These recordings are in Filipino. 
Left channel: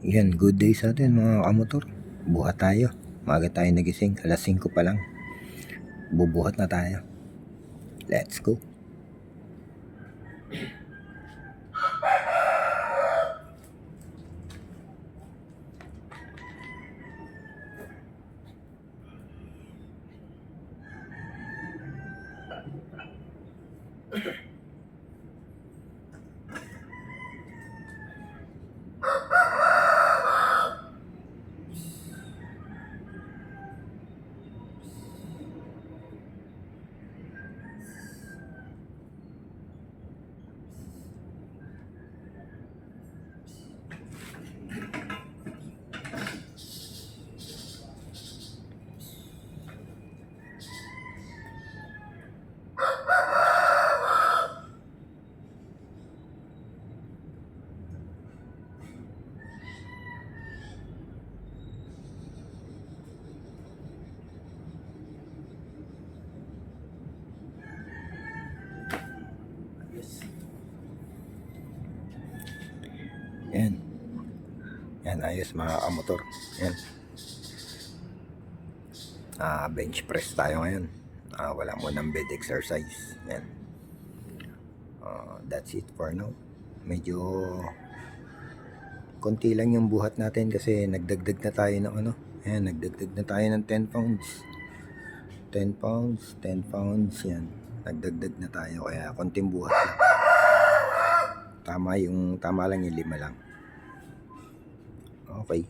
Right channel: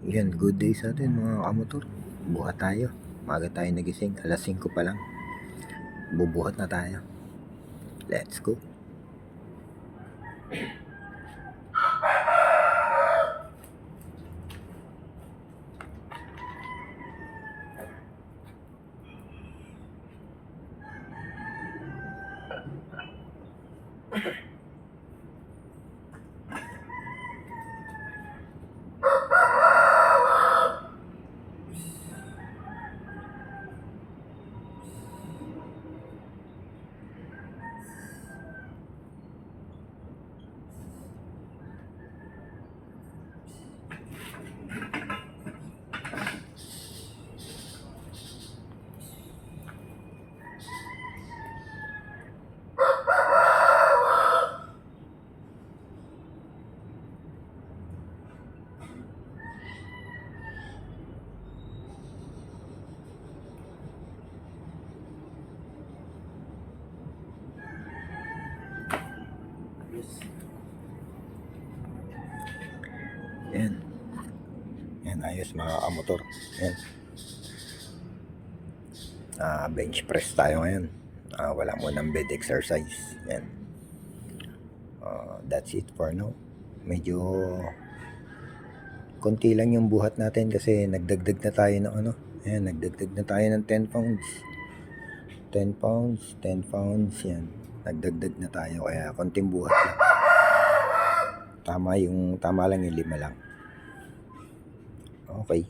Yan, good day sa atin mga kamotor. Buhat tayo. Maga tayo nagising. Alas 5 pa lang. Bubuhat na tayo. Let's go. Yan. Yan, ayos mga kamotor. Yan. Bench press tayo ngayon. Wala mo ng bed exercise. Yan. That's it for now. Medyo konti lang yung buhat natin kasi nagdagdag na tayo ng ano. Ayan, nagdagdag na tayo ng 10 pounds. 10 pounds, 10 pounds. Yan. Nagdagdag na tayo kaya konting buhat lang. Tama lang yung 5 lang. Okay.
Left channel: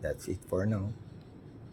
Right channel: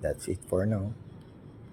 That's it for now.